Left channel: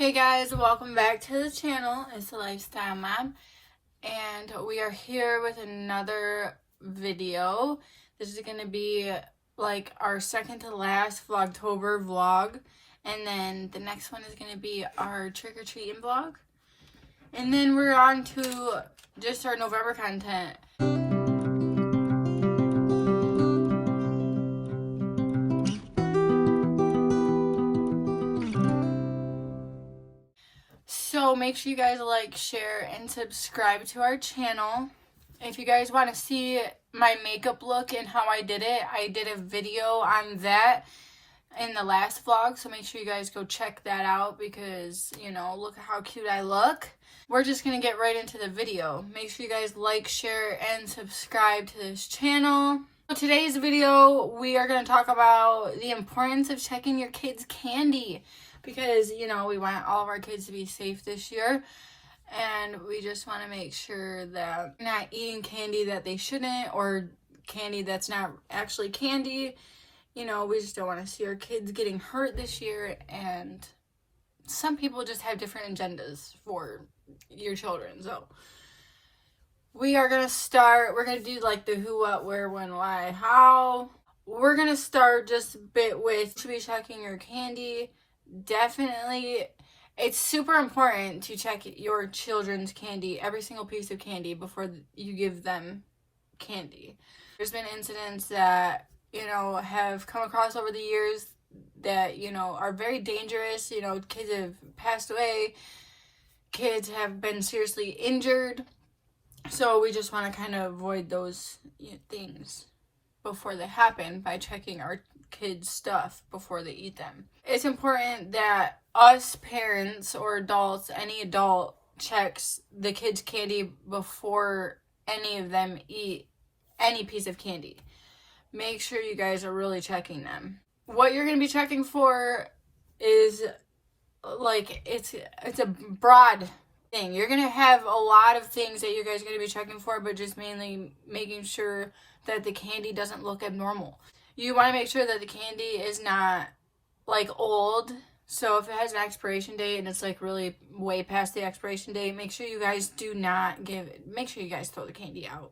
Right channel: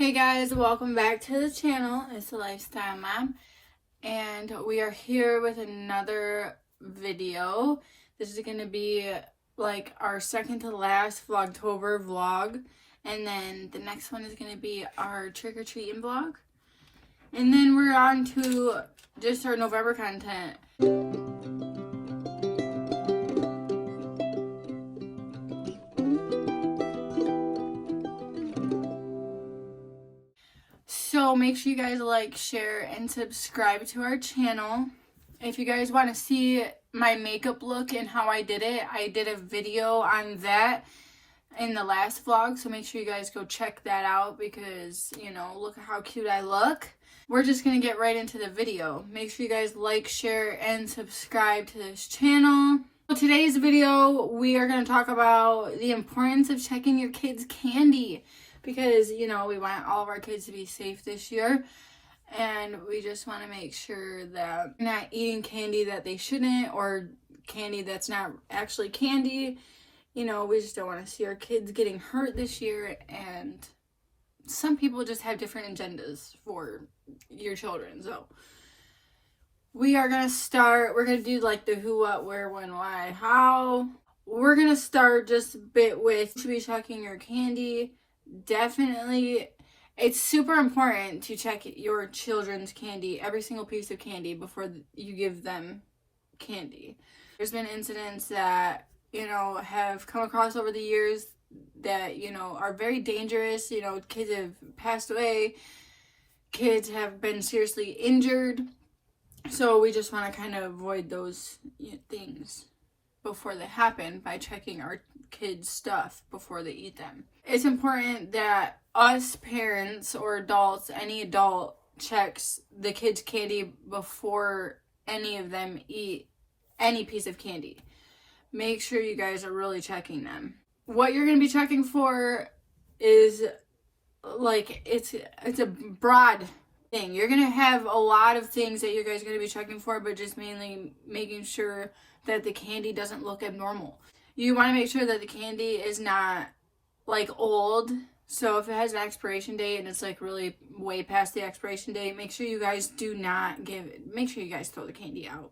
Hey guys, welcome back to the channel. It's the Lifestyle Mom, and we are here with another video. This is gonna be like our second to last Vlogtober vlog, and then the next one is gonna be our trick-or-treating vlog, and then we're on to just our November content. So make sure you guys like, share, and subscribe to our channel. If you guys want to see my makeup look and how I did a video on that in the last vlog. So make sure you guys go check that out because, you know, look at how cute I look. We're just going to get right into the video. Make sure you guys like, share, and subscribe to this channel. So today's video, we are going to talk about the importance of checking your kids' candy. Because, you know, we want all of our kids to be safe this year. And we just want to make sure that they're not eating candy that they shouldn't, or candy that's not actually candy. You know, we just don't want to see our kids getting hurt this year. And some people just have different agendas for your children. So we are going to start. We're going to do like the who, what, where, when, why, how. We're going to start just a bit with to be checking your candy. Definitely, it's super important to check your children's candy, every single piece of candy, before you give them candy. There's been incidents that, you know, have come across over the years that, you know, are very dangerous. You know, kids have passed away, kids have been seriously injured. So we just want to kind of avoid those things before they happen by checking our kids' stuff before they eat them. It's important that us parents or adults, any adult, checks the kids' candy before any of them eat any piece of candy. Make sure you guys are really checking them. What you're going to be checking for is like, it's a broad thing. You're going to have a lot of things that you guys are going to be checking for, but just mainly making sure that the candy doesn't look abnormal. You want to make sure that the candy is not like old. So if it has an expiration date and it's like really way past the expiration date, make sure you guys do not give it. Make sure you guys throw the candy out.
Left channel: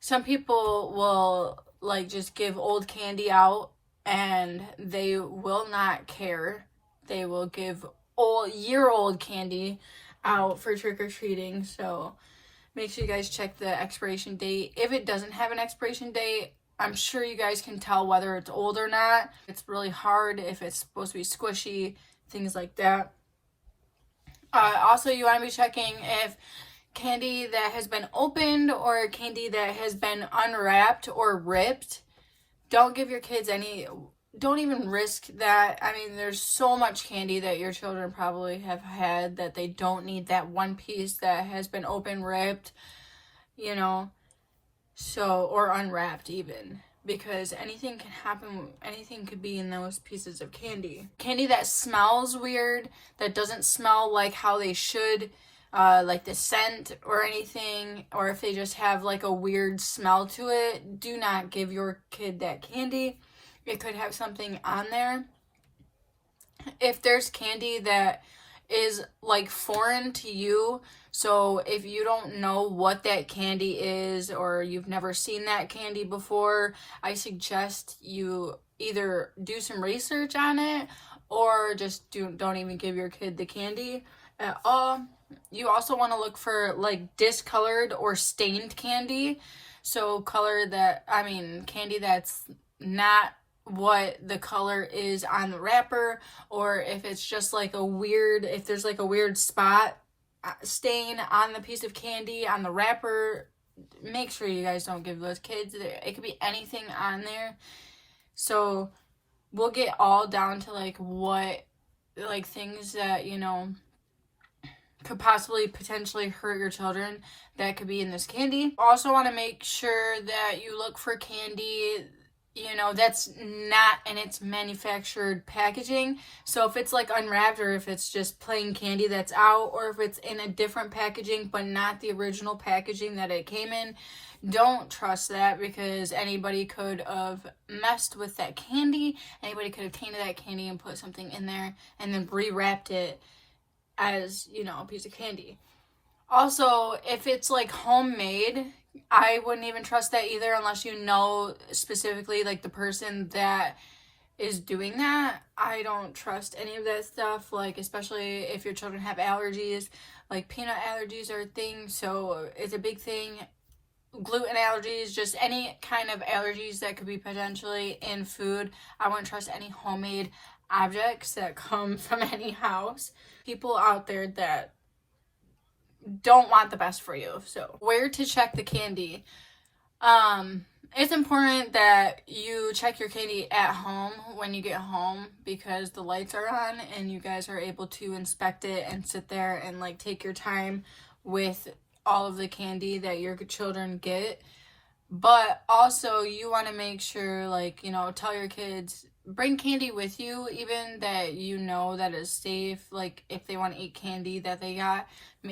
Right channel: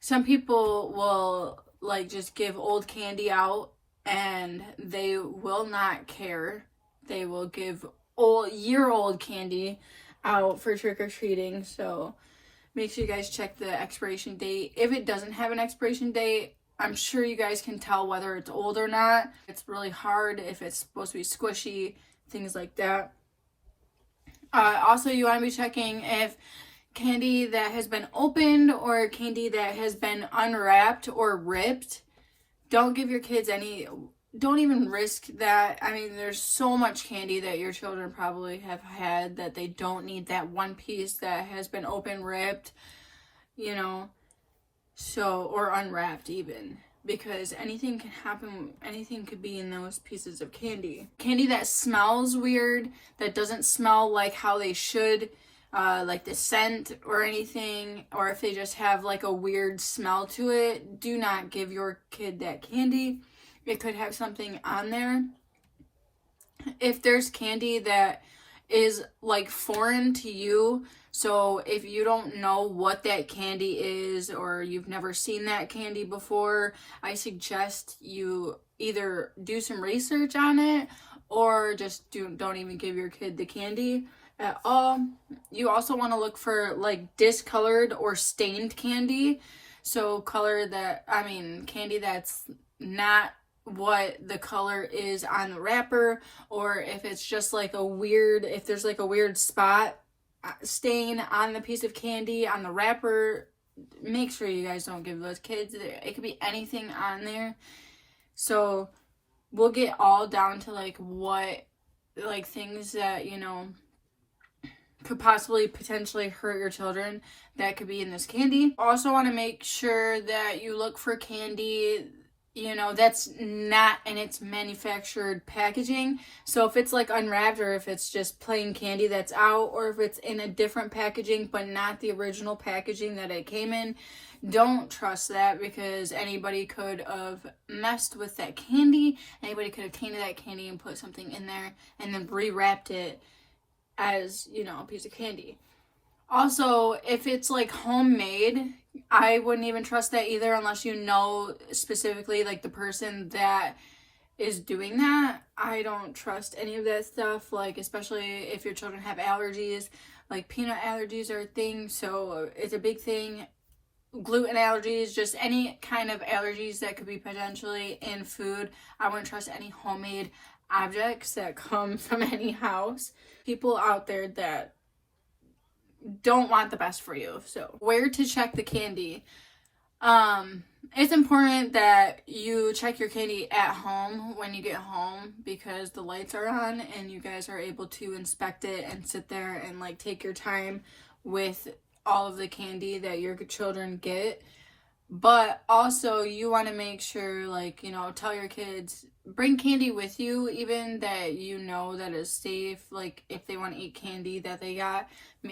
Some people will like just give old candy out and they will not care. They will give year-old candy out for trick-or-treating. So make sure you guys check the expiration date. If it doesn't have an expiration date, I'm sure you guys can tell whether it's old or not. It's really hard if it's supposed to be squishy, things like that. Also, you want to be checking if candy that has been opened or candy that has been unwrapped or ripped. Don't give your kids any. Don't even risk that. I mean, there's so much candy that your children probably have had that they don't need that one piece that has been open, ripped, you know. So, or unwrapped even, because anything can happen. Anything could be in those pieces of candy. Candy that smells weird, that doesn't smell like how they should, like the scent or anything, or if they just have like a weird smell to it, do not give your kid that candy. It could have something on there. If there's candy that is like foreign to you, so if you don't know what that candy is or you've never seen that candy before, I suggest you either do some research on it or just don't even give your kid the candy at all. You also want to look for like discolored or stained candy. So candy that's not what the color is on the wrapper, or if it's just like if there's like a weird spot stain on the piece of candy on the wrapper, make sure you guys don't give those kids. It could be anything on there. So we'll get all down to like what like things that, you know, could possibly potentially hurt your children that could be in this candy. Also want to make sure that you look for candy, you know, that's not in its manufactured packaging. So if it's like unwrapped, or if it's just plain candy that's out, or if it's in a different packaging but not the original packaging that it came in, Don't trust that, because anybody could have messed with that candy. Anybody could have tainted that candy and put something in there and then rewrapped it as, you know, a piece of candy. Also, if it's like homemade, I wouldn't even trust that either, unless you know specifically like the person that is doing that. I don't trust any of that stuff, like especially if your children have allergies. Like peanut allergies are a thing, so it's a big thing. Gluten allergies, just any kind of allergies that could be potentially in food. I wouldn't trust any homemade objects that come from any house. People out there that don't want the best for you. So where to check the candy? It's important that you check your candy at home when you get home, because the lights are on and you guys are able to inspect it and sit there and like take your time with all of the candy that your children get. But also you want to make sure, like, you know, tell your kids, bring candy with you, even that you know that is safe. Like if they want to eat candy that they got,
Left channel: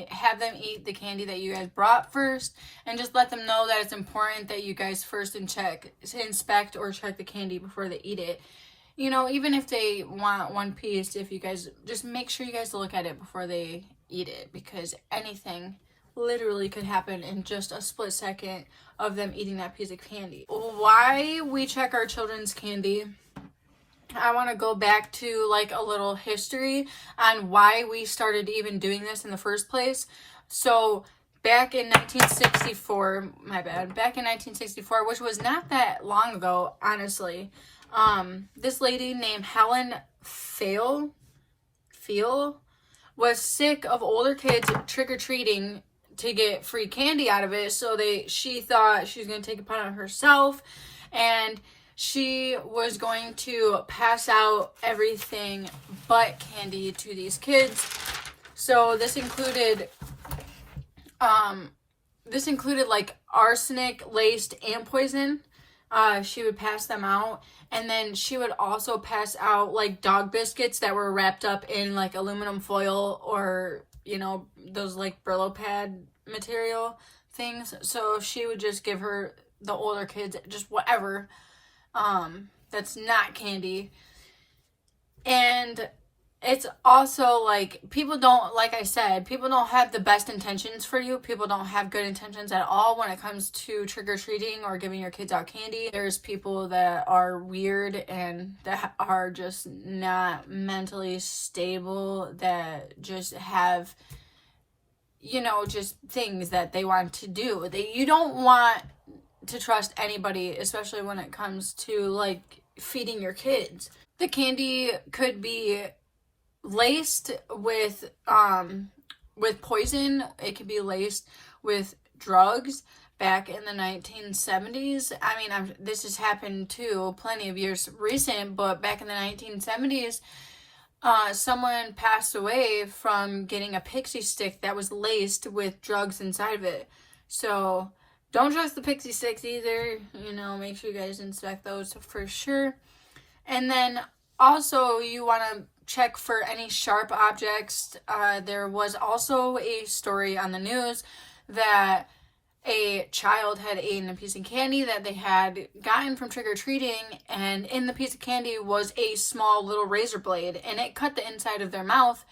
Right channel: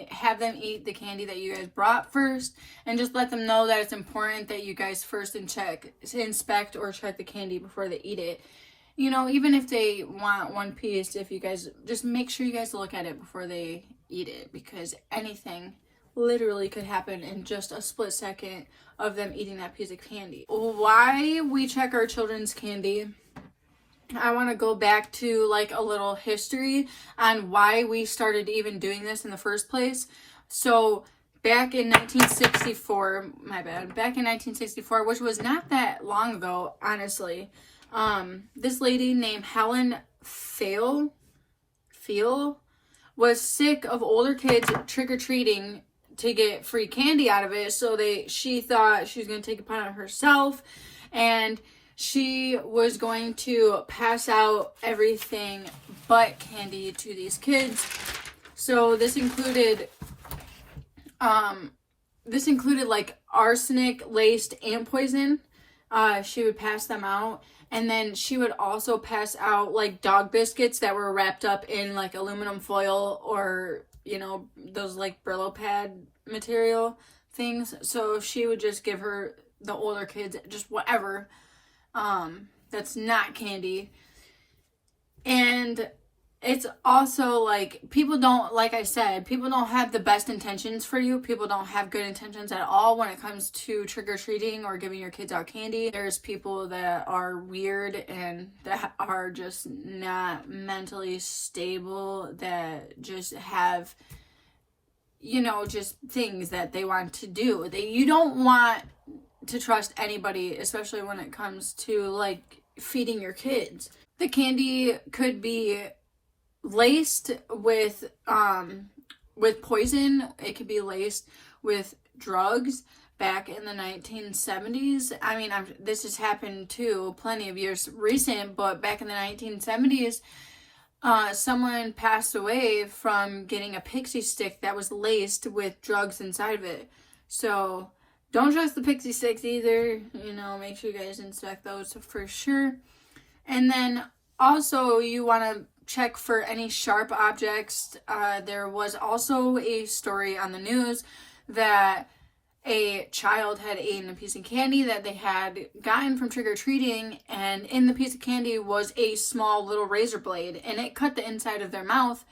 have them eat the candy that you guys brought first, and just let them know that it's important that you guys first inspect or check the candy before they eat it. You know, even if they want one piece, if you guys just make sure you guys look at it before they eat it, because anything literally could happen in just a split second of them eating that piece of candy. Why we check our children's candy, I want to go back to like a little history on why we started even doing this in the first place. So back in 1964, back in 1964, which was not that long ago, honestly, this lady named Helen Feel was sick of older kids trick-or-treating to get free candy out of it. So she thought she was going to take it upon herself, and she was going to pass out everything but candy to these kids. So this included like arsenic laced ant poison. She would pass them out, and then she would also pass out like dog biscuits that were wrapped up in like aluminum foil, or, you know, those like Brillo pad material things. So she would just give the older kids just whatever that's not candy. And it's also like, people don't, like I said, people don't have the best intentions for you. People don't have good intentions at all when it comes to trick-or-treating or giving your kids out candy. There's people that are weird and that are just not mentally stable, that just have, you know, just things that they want to do. You don't want to trust anybody, especially when it comes to like feeding your kids. The candy could be laced with poison. It could be laced with drugs. Back in the 1970s, I mean, this has happened too, plenty of years recent, but back in the 1970s, someone passed away from getting a pixie stick that was laced with drugs inside of it. So don't trust the pixie sticks either. You know, make sure you guys inspect those for sure. And then also you want to check for any sharp objects. There was also a story on the news that a child had eaten a piece of candy that they had gotten from trick-or-treating, and in the piece of candy was a small little razor blade, and it cut the inside of their mouth.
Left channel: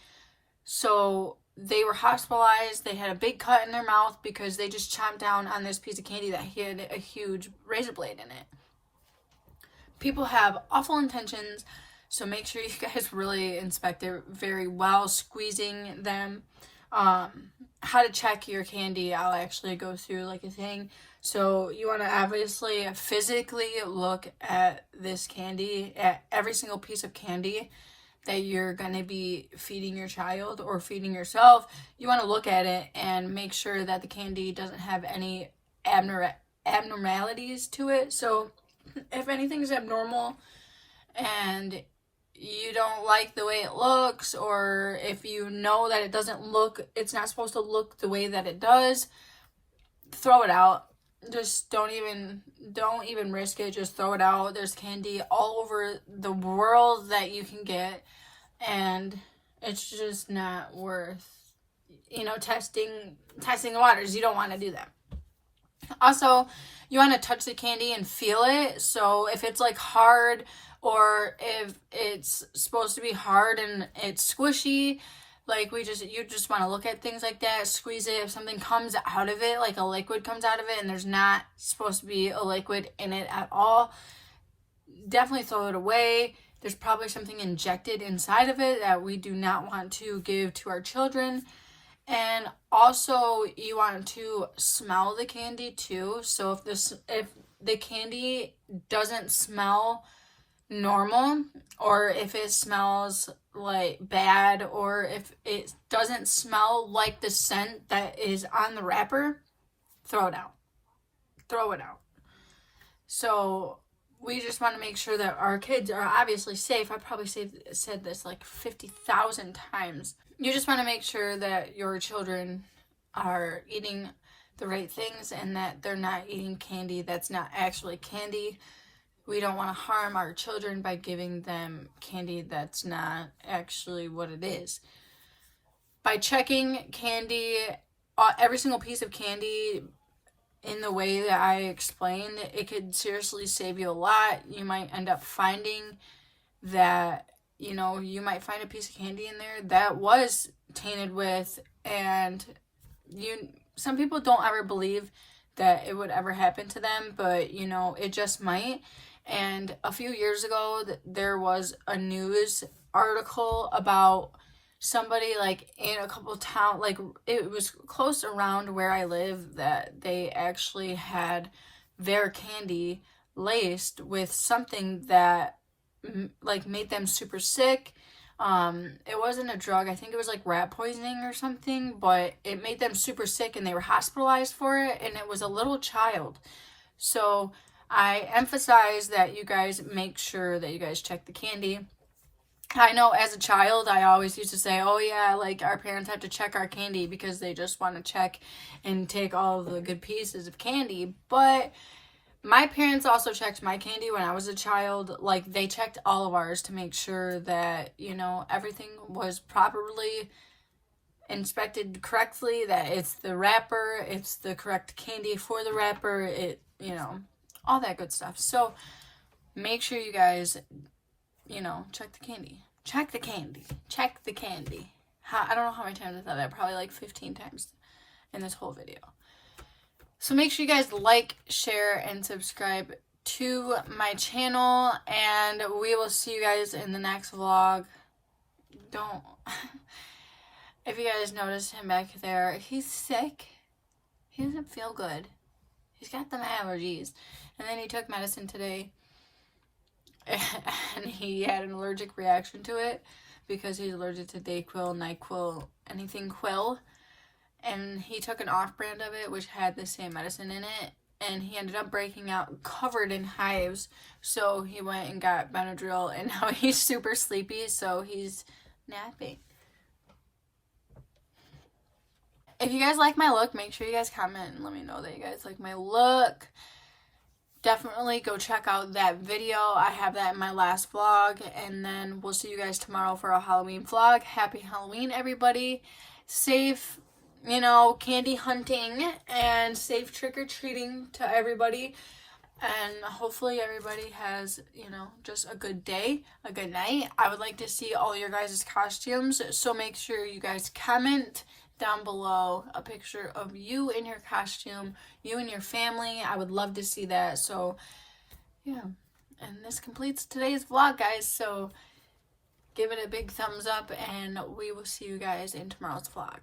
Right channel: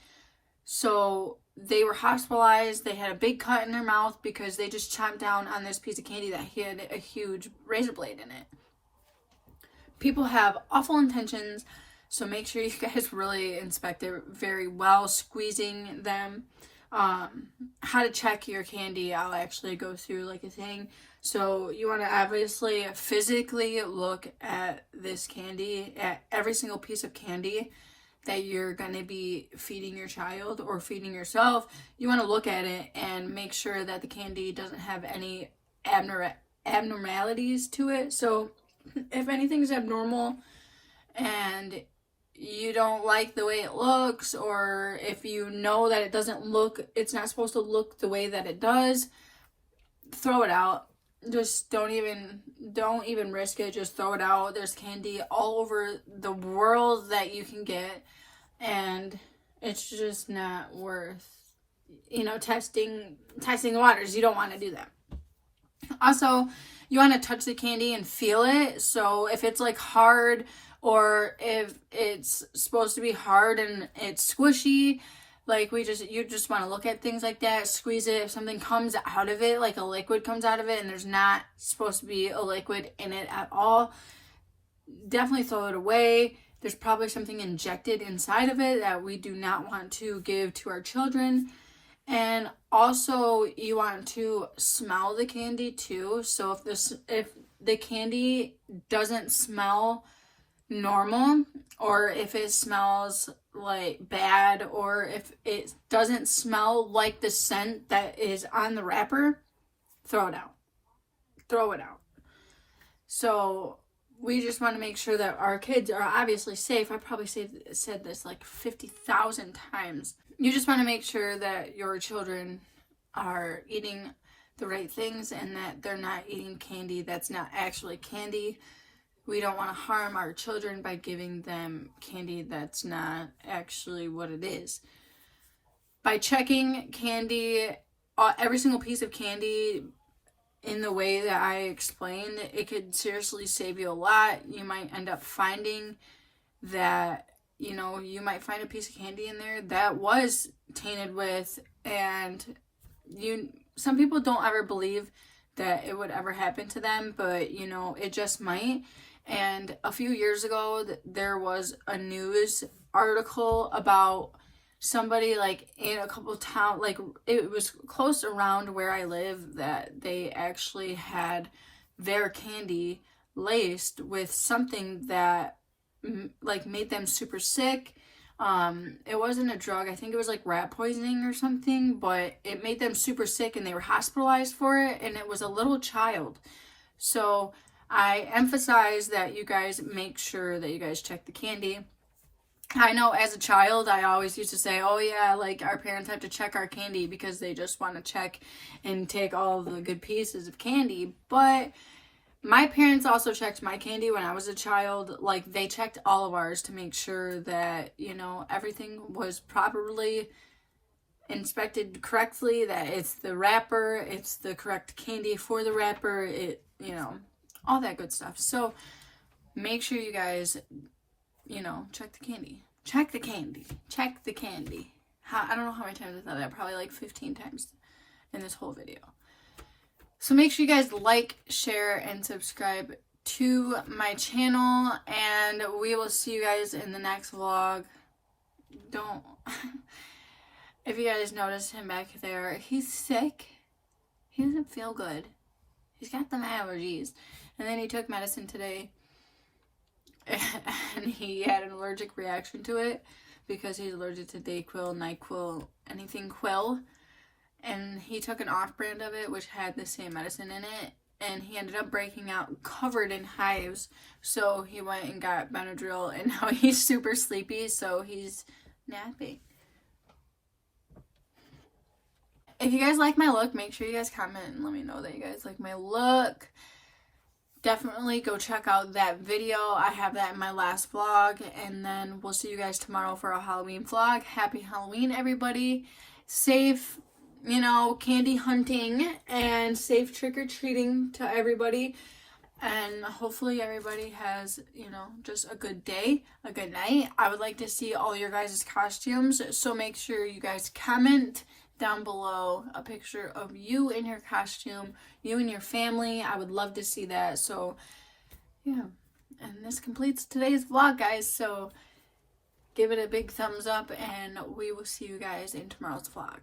So they were hospitalized. They had a big cut in their mouth because they just chomped down on this piece of candy that had a huge razor blade in it. People have awful intentions, so make sure you guys really inspect it very well, squeezing them. How to check your candy, I'll actually go through like a thing. So you want to obviously physically look at this candy, at every single piece of candy that you're going to be feeding your child or feeding yourself. You want to look at it and make sure that the candy doesn't have any abnormalities to it. So if anything's abnormal and you don't like the way it looks, or if you know that it's not supposed to look the way that it does, throw it out. Just don't even risk it. Just throw it out. There's candy all over the world that you can get, and it's just not worth, you know, testing the waters. You don't want to do that. Also, you want to touch the candy and feel it. So if it's like hard, or if it's supposed to be hard and it's squishy, like you just want to look at things like that, squeeze it. If something comes out of it, like a liquid comes out of it and there's not supposed to be a liquid in it at all, definitely throw it away. There's probably something injected inside of it that we do not want to give to our children. And also, you want to smell the candy too. So if the candy doesn't smell normal, or if it smells like bad, or if it doesn't smell like the scent that is on the wrapper, throw it out. Throw it out. So we just want to make sure that our kids are obviously safe. I probably said this like 50,000 times. You just want to make sure that your children are eating the right things and that they're not eating candy that's not actually candy. We don't want to harm our children by giving them candy that's not actually what it is. By checking candy, every single piece of candy in the way that I explained, it could seriously save you a lot. You might end up finding that, you might find a piece of candy in there that was tainted with, and some people don't ever believe that it would ever happen to them, but it just might. And a few years ago, there was a news article about somebody like in a couple towns, like it was close around where I live, that they actually had their candy laced with something that like made them super sick. It wasn't a drug. I think it was like rat poisoning or something, but it made them super sick and they were hospitalized for it, and it was a little child. So I emphasize that you guys make sure that you guys check the candy. I know as a child, I always used to say, oh yeah, like our parents have to check our candy because they just want to check and take all the good pieces of candy. But my parents also checked my candy when I was a child. Like, they checked all of ours to make sure that, everything was properly inspected correctly, that it's the wrapper, it's the correct candy for the wrapper, all that good stuff. So make sure you guys, check the candy. Check the candy. Check the candy. I don't know how many times I thought that. Probably like 15 times in this whole video. So make sure you guys like, share, and subscribe to my channel. And we will see you guys in the next vlog. If you guys notice him back there, he's sick. He doesn't feel good. He's got them allergies. And then he took medicine today. And he had an allergic reaction to it because he's allergic to Dayquil, NyQuil, anything Quil. And he took an off-brand of it, which had the same medicine in it. And he ended up breaking out covered in hives. So he went and got Benadryl, and now he's super sleepy, so he's napping. If you guys like my look, make sure you guys comment and let me know that you guys like my look. Definitely go check out that video. I have that in my last vlog. And then we'll see you guys tomorrow for a Halloween vlog. Happy Halloween, everybody. Safe, candy hunting, and safe trick-or-treating to everybody. And hopefully everybody has, just a good day, a good night. I would like to see all your guys' costumes. So make sure you guys comment down below a picture of you in your costume, you and your family. I would love to see that. So yeah, and this completes today's vlog, guys. So give it a big thumbs up, and we will see you guys in tomorrow's vlog.